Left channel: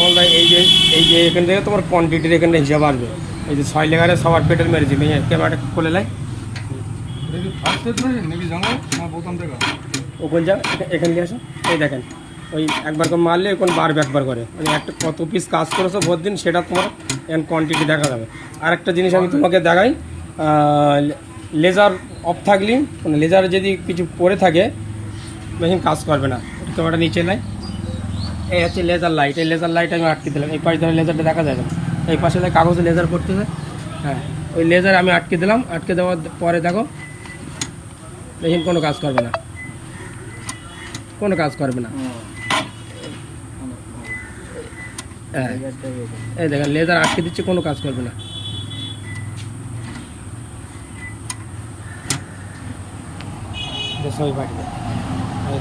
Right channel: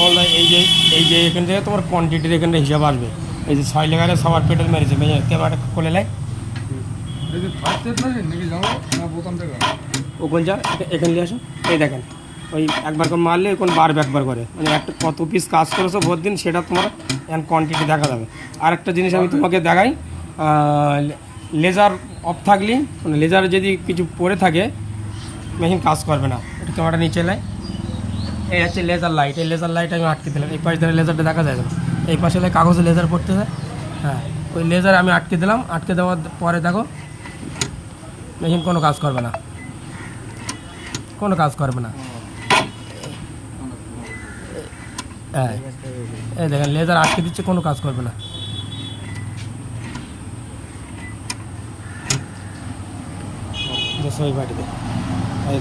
কমলদা এই যে এখান থেকে তোমার কোয়ান্টিটির এখানে হিসাব আসবে। এই যে 6 লেগারে সবার পেটের মেরেছি ক্যামেরাটা খুলে নেয় ও কোন যা এখানে নিয়ে আসো। এই দেখেন ওই একবার করে মারলে কোন বারবে একবার করে, মানে একটা কত পিস কাজ করেছো ভোর দিন সেটা তোমার এন্ড কোয়ান্টিটি দেখা যাবে। আর একটা জিনিস আমি তোমাকে দেখাই, লেজার অফ থাকলে লেজার যদি কিছু পড়ে থাকে মেশিন কাজ করবে না। এটা ক্যামেরাটা নিচে নেয়। এই হচ্ছে লেজার লাইট, এই লেজার লাইট আমি আটকে দিলাম। এই পাশে ধরে লেজারটা দেখা যায় না, এই পাশে কাগজে লেজার পড়তেছে। হ্যাঁ ওই লেজার আমি আটকে দিলাম, আটকে দেওয়ার পরে দেখো মেশিন কোনো কাজ করবে না, কোনো কাজ করবে না। হ্যাঁ এই দেখেন লেজার আটকে দিচ্ছে, কোনো কাজ করবে না। সবাই পাঠিয়ে